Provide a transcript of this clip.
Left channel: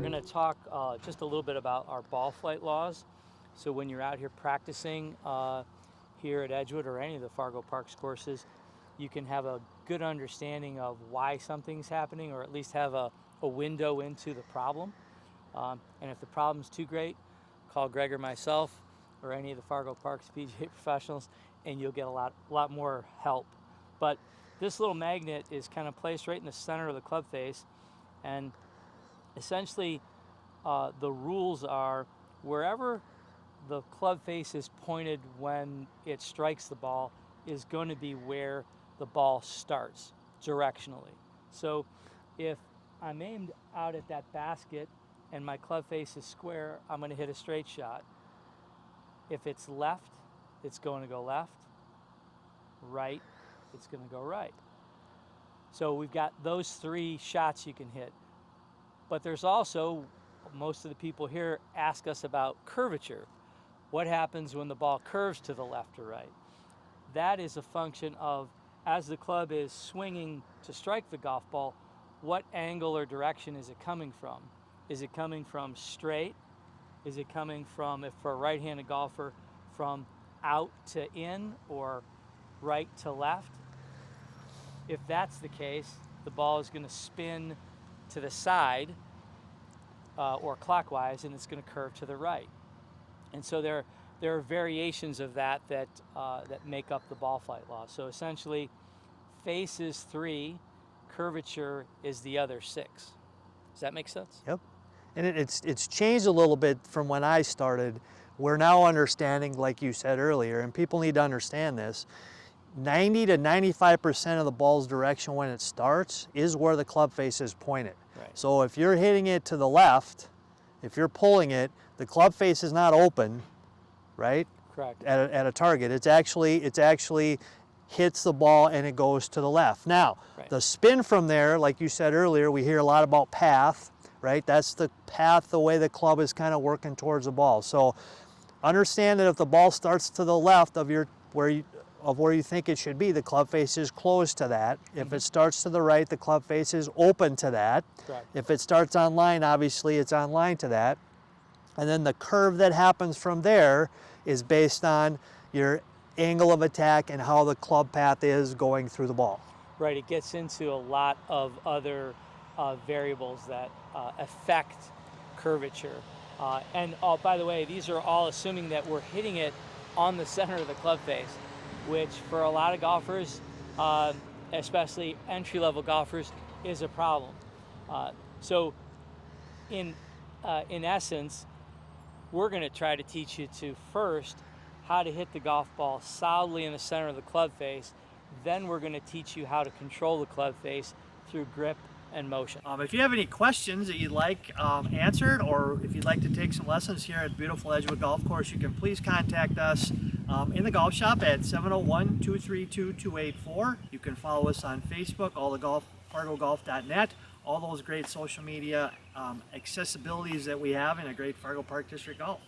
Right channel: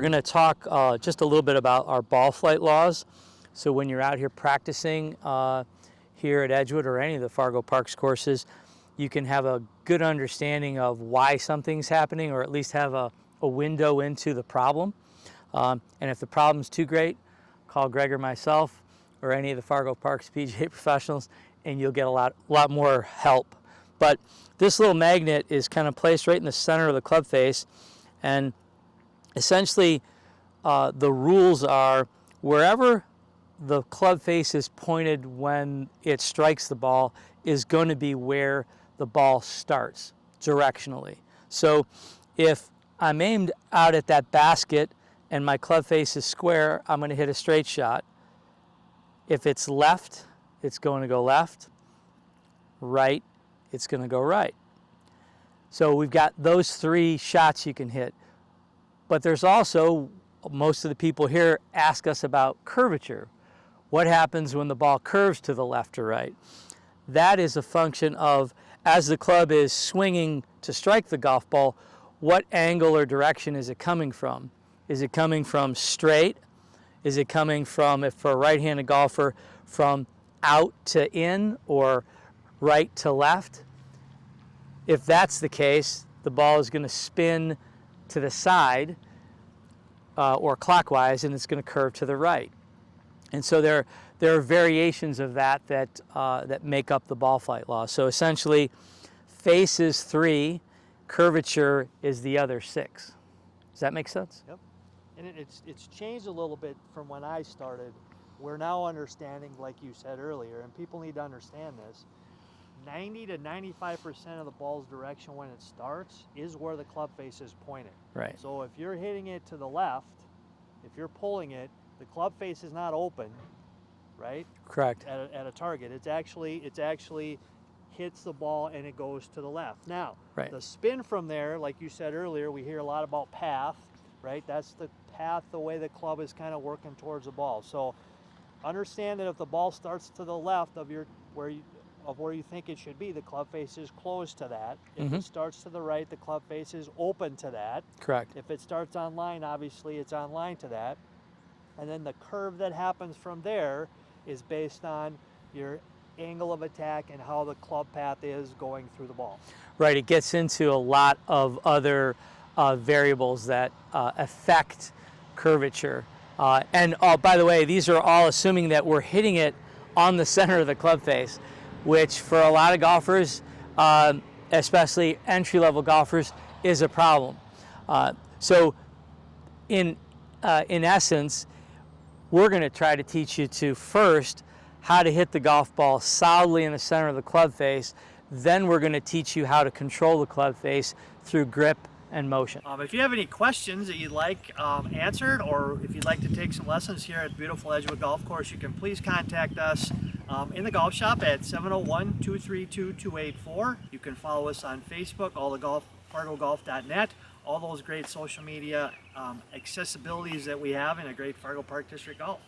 we're going to talk just a little bit about our ball flight laws. So when you're out here practicing here at Edgewood or any of the Fargo Parks courses, you can have a good understanding of why something's happening, or at least have a window into the problem. And if the problem's too great, call Greg or myself or any of the Fargo Parks PGA professionals, and you'll get a lot more help. But this little magnet is kind of placed right in the center of the club face, and essentially the rules are wherever the club face is pointed when it strikes the ball is going to be where the ball starts directionally. So if I'm aimed out at that basket and my club face is square, I'm going to hit a straight shot. If it's left, it's going to go left. Right, it's going to go right. So we've got those three shots you can hit. But there's also, most of the people here ask us about curvature. What happens when the ball curves to the left or right? That is a function of, as the club is swinging to strike the golf ball, what angle or direction is it coming from? Is it coming from straight? Is it coming from, if for a right-handed golfer, from out to in or right to left? If that's the case, the ball is going to spin to the side or clockwise, and it's going to curve to the right. And so there are variations of that make up the ball flight law. So essentially, face is 3, curvature is the other 6. Does that make sense? Yep. And it's changed a little bit from when I started. We're now understanding, like you said earlier, and people need to understand this, 90 to 95% of the ball's direction when it starts is where the club face is pointed. Right. So if you're hitting it to the left, if you're pulling it, the club face is not open, right? Correct. At a target. It's actually hits the ball and it goes to the left. Now, right. The spin from there, like you said earlier, we hear a lot about path, right? That's the path, the way the club is kind of working towards the ball. So understand that if the ball starts to the left of where you think it should be, the club face is closed to that. If it starts to the right, the club face is open to that. Correct. If it starts on line, obviously it's on line to that. And then the curve that happens from there is based on your angle of attack and how the club path is going through the ball. Right, it gets into a lot of other variables that affect curvature. And by the way, these are all assuming that we're hitting it on the center of the club face, which for a lot of golfers, especially entry-level golfers, is a problem. So in essence, we're going to try to teach you to first how to hit the golf ball solidly in the center of the club face. Then we're going to teach you how to control the club face through grip and motion. If you have any questions that you'd like answered, or if you'd like to take some lessons here at beautiful Edgewood Golf Course, you can please contact us in the golf shop at 701-232-2884. You can follow us on Facebook, fargogolf.net, all those great social media accessibilities that we have in a great Fargo Park District Golf.